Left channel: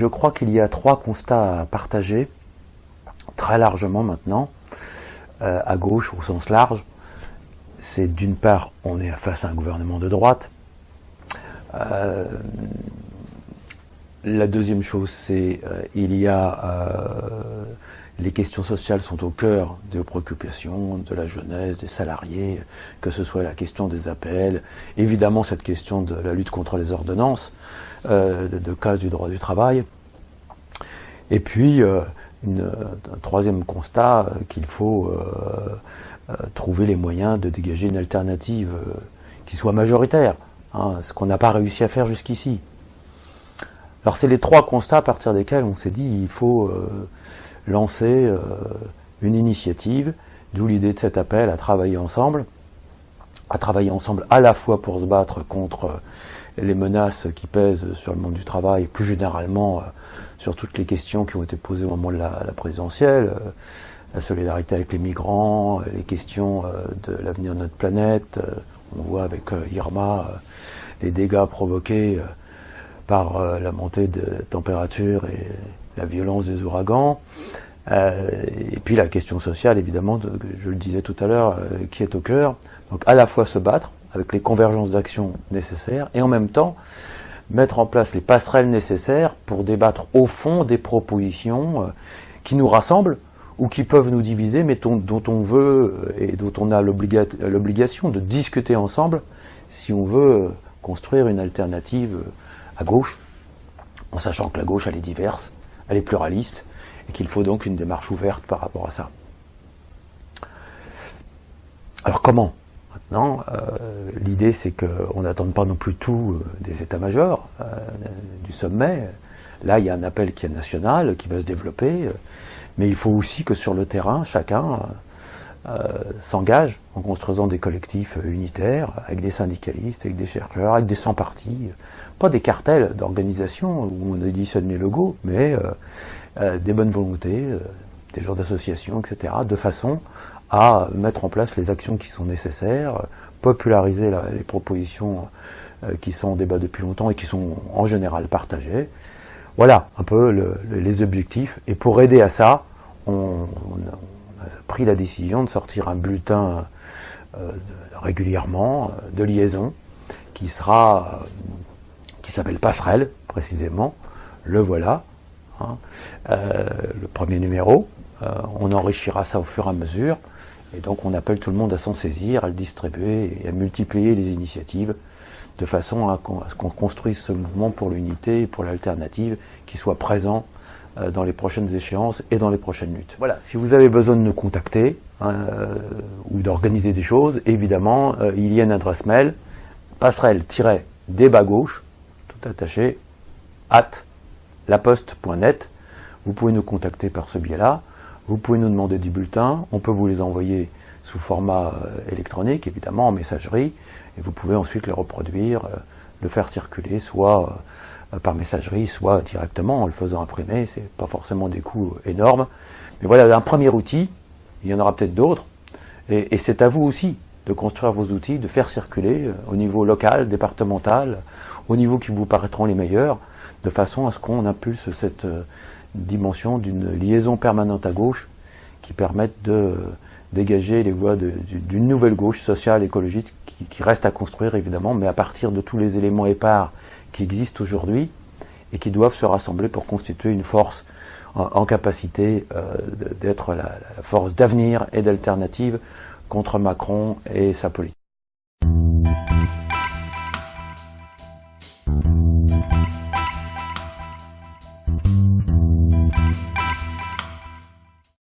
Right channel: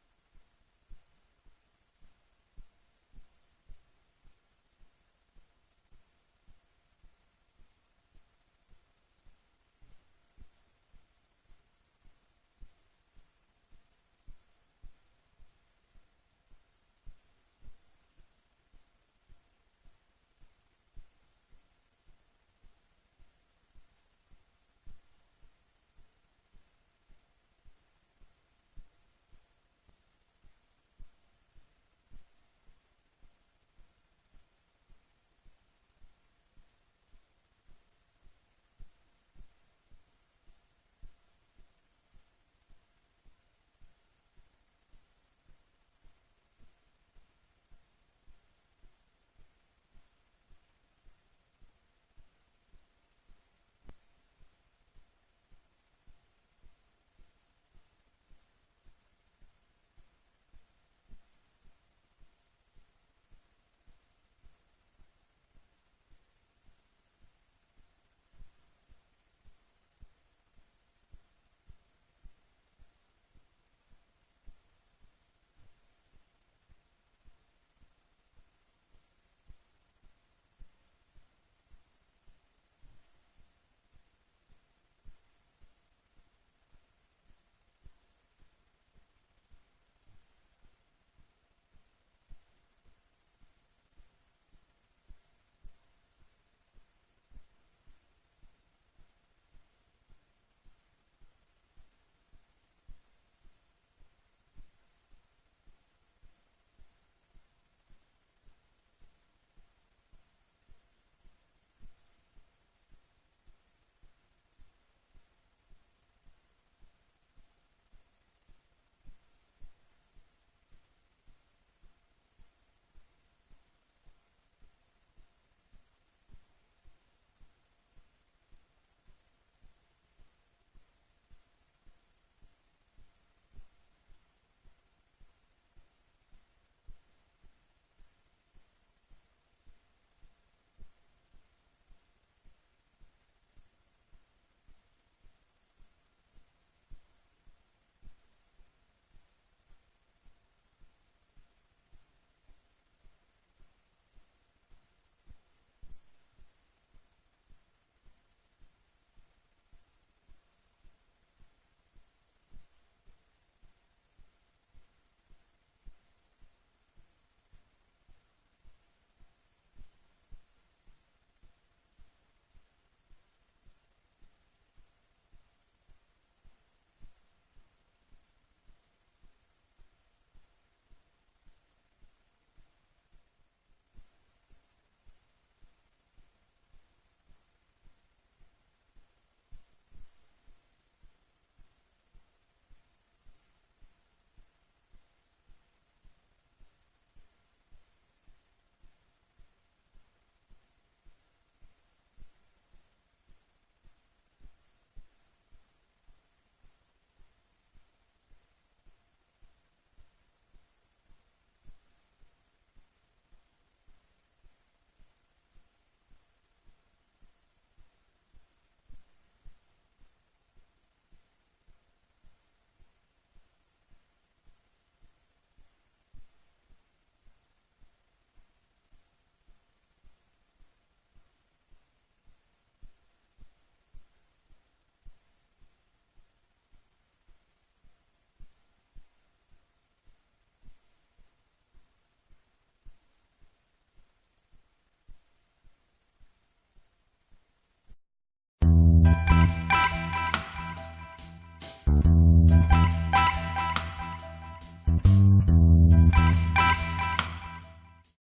je crois qu'il y a 3 constats à partager, très largement maintenant, à gauche au sens large. C'est d'une part, on est face à un gouvernement de droite. La deuxième chose, c'est les questions sociales sont au cœur des préoccupations de la jeunesse, des salariés, que ce soit la question des APL, évidemment cette question de la lutte contre les ordonnances, de casse du droit du travail. Et puis, un troisième constat, qu'il faut trouver les moyens de dégager une alternative qui soit majoritaire, ce qu'on n'a pas réussi à faire jusqu'ici. Alors c'est les 3 constats à partir desquels on s'est dit il faut lancer une initiative, d'où l'idée de cet appel à travailler ensemble à la fois pour se battre contre les menaces qui pèsent sur le monde du travail, plus généralement sur toutes les questions qui ont été posées au moment de la présidentielle, la solidarité avec les migrants, les questions de l'avenir de notre planète. On voit avec Irma les dégâts provoqués par la montée de température et la violence des ouragans. Et puis la question sociale, évidemment, je le disais tout à l'heure, qui est au cœur. Donc à la fois se battre avec les convergences d'actions nécessaires et en même temps mettre en place les passerelles nécessaires pour débattre au fond des propositions qui nous rassemblent ou qui peuvent nous diviser, mais dont on veut et dont on a l'obligation de discuter ensemble si on veut construire une alternative à gauche, en sachant que la gauche, elle est diverse, elle est pluraliste, et qu'il faut donc une démarche ouverte par rapport à ça. Alors comment ? Maintenant, l'idée c'est qu'on n'attende pas non plus tout des états-majors, du sommet. Là, il y a un appel qui est national, qui va se développer, mais il faut aussi que sur le terrain, chacun s'engage en construisant des collectifs unitaires, avec des syndicalistes, avec des chercheurs, avec des sans-partis, pas des cartels d'organisation où on additionne les logos, mais des bonnes volontés, des gens d'associations, etc., de façon à mettre en place les actions qui sont nécessaires, populariser les propositions qui sont en débat depuis longtemps et qui sont en général partagées. Voilà un peu les objectifs. Et pour aider à ça, on a pris la décision de sortir un bulletin régulièrement de liaison qui s'appelle Passerelle, précisément. Le voilà, le premier numéro. On enrichira ça au fur et à mesure. Et donc on appelle tout le monde à s'en saisir, à le distribuer et à multiplier les initiatives de façon à ce qu'on construise ce mouvement pour l'unité et pour l'alternative qui soit présent dans les prochaines échéances et dans les prochaines luttes. Voilà, si vous avez besoin de nous contacter ou d'organiser des choses, évidemment, il y a une adresse mail, passerelle-débat gauche, tout attaché, @laposte.net. Vous pouvez nous contacter par ce biais-là. Vous pouvez nous demander des bulletins, on peut vous les envoyer sous format électronique, évidemment, en messagerie, et vous pouvez ensuite les reproduire, le faire circuler, soit par messagerie, soit directement en le faisant imprimer. C'est pas forcément des coûts énormes. Mais voilà, un premier outil, il y en aura peut-être d'autres, et c'est à vous aussi de construire vos outils, de faire circuler au niveau local, départemental, au niveau qui vous paraîtront les meilleurs, de façon à ce qu'on impulse cette dimension d'une liaison permanente à gauche qui permette de dégager les voies d'une nouvelle gauche sociale, écologiste, qui reste à construire évidemment, mais à partir de tous les éléments épars qui existent aujourd'hui et qui doivent se rassembler pour constituer une force en capacité d'être la force d'avenir et d'alternative contre Macron et sa politique.